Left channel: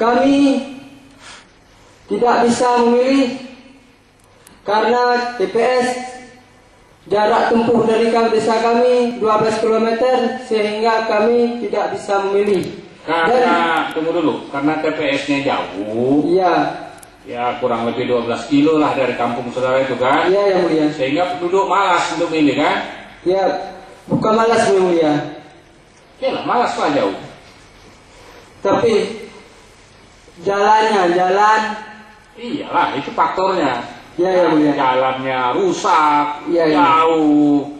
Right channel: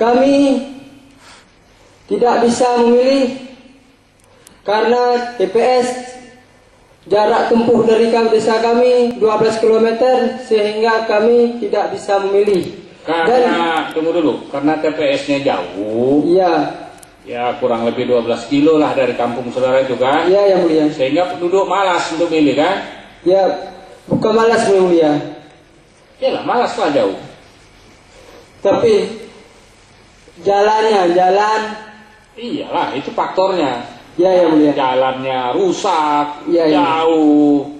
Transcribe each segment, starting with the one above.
kami tidak bisa memilih karena TPS jarak tempuh dari desa kami 12 km sehingga kami tidak bisa memilih. Karena tunggu dulu, karena TPS-nya jauh. Iya. Ya kurang lebih 12 kilo lah dari kampung saudara itu kan? Iya yang mulia. Sehingga penduduk malas untuk milih kan? Ya, bukan malas yang mulia. Iyalah malas lah jauh. Tapi jalan. Iyalah itu faktornya. Ya yang mulia. Jalannya rusak, Ya, jauh.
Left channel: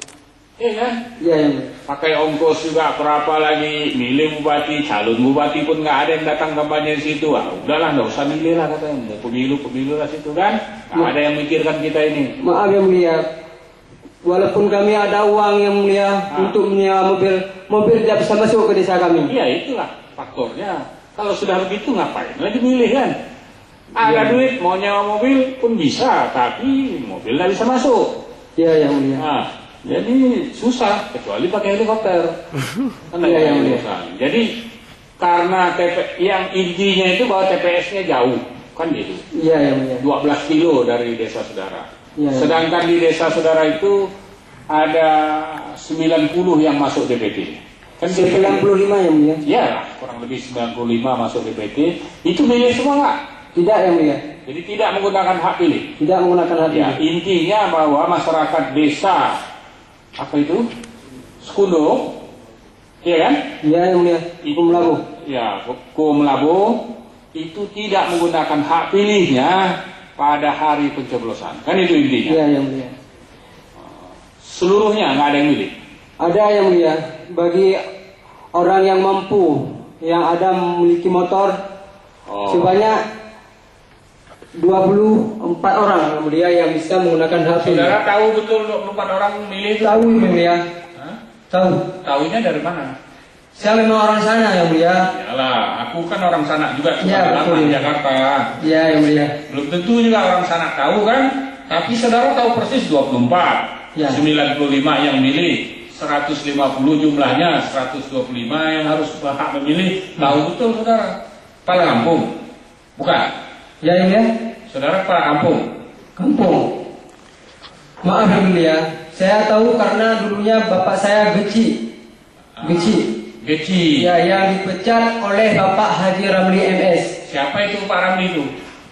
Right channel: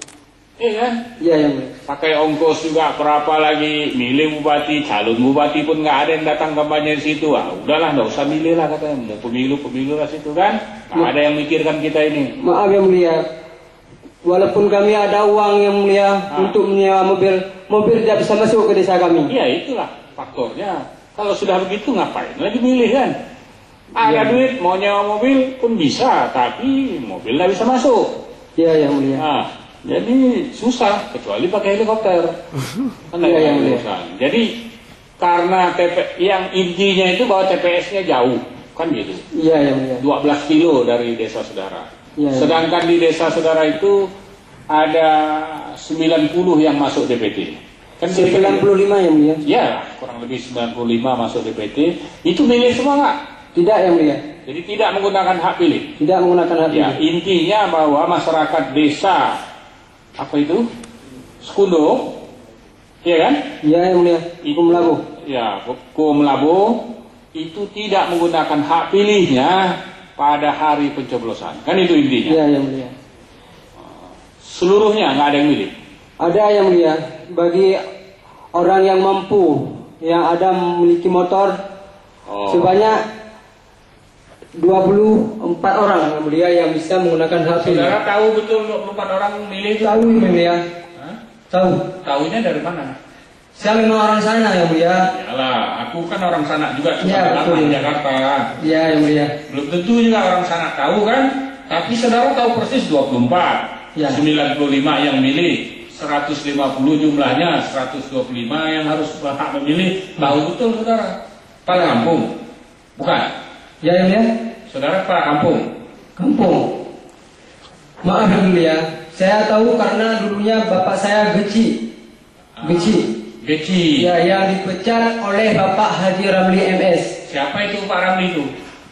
Iya kan? Iya yang mulia. Pakai ongkos juga berapa lagi, milih bupati, calon bupati pun nggak ada yang datang kampanye di situ. Ah, udahlah nggak usah milih lah katanya, mau pemilu lah situ kan, nggak ada yang mikirkan kita ini. Maaf yang mulia, walaupun kami ada uang yang mulia untuk menyewa mobil tidak bisa masuk ke desa kami. Iya itulah faktornya. Kalau sudah begitu ngapain lagi milih kan? Ada duit mau nyewa mobil pun bisa, tapi mobil nggak bisa masuk. Iya yang mulia. Nah, jadi susah kecuali pakai helikopter. Kan Iya, yang urusan. Jadi karena yang intinya itu bahwa TPS-nya jauh, kan gitu. Iya yang mulia. 12 kilo dari desa saudara. Ya, Sedangkan di desa saudara itu ada 90 yang masuk DPT. Kan 95 yang mulia. ya, kurang lebih 95 masuk DPT. Itu milih semua nggak? Tidak yang mulia. Jadi tidak menggunakan hak pilih. Tidak menggunakan hak Ya, pilih. intinya bahwa masyarakat desa apa itu? Sekundo, iya kan? Iya yang mulia. Hukum labu. Ya, hukum labu itu tidak menggunakan hak pilihnya pada hari pencoblosan. Kan itu intinya. Iya yang mulia. Seluruhnya nggak ada yang milih. Ada yang mulia bagi orang yang mampu, yang ada memiliki motor sebanyak 24 orang yang mulia yang bisa menggunakan hak pilih. Saudara tahu betul 24 orang milih itu? Tahu yang mulia. Hah? Tahu. Tahunya dari mana? Saya memang orang sana yang mulia. Yalah, aku kan orang sana juga, cuma Ya, lama betul. di Jakarta. Iya yang mulia. Belum tentu juga orang sana tahu kan? Tapi saudara tahu persis 24, Ya. 95 yang milih, 150 jumlahnya, 125 yang harus berhak memilih. Tahu betul saudara? Kepala kampung? Bukan? Ya yang mulia. Saudara kepala kampung? Kampung. Maaf yang mulia. Saya tahu karena dulunya bapak saya Geci. Geci. Ya, yang dipecat oleh Bapak Haji Ramli MS. Siapa itu Pak Ramli itu?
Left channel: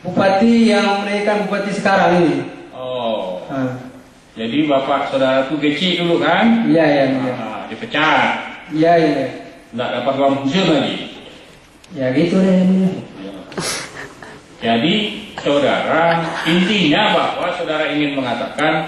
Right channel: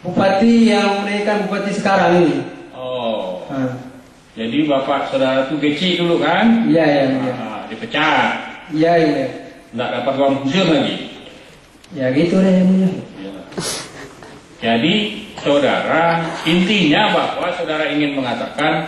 Bupati yang menaikkan bupati sekarang ini. Oh. Ah. Jadi bapak saudara itu Geci dulu kan? Iya yang mulia. Dipecat. Iya yang mulia. Nggak dapat uang pensiun lagi. Ya gitu deh yang mulia. Jadi saudara, intinya bahwa saudara ingin mengatakan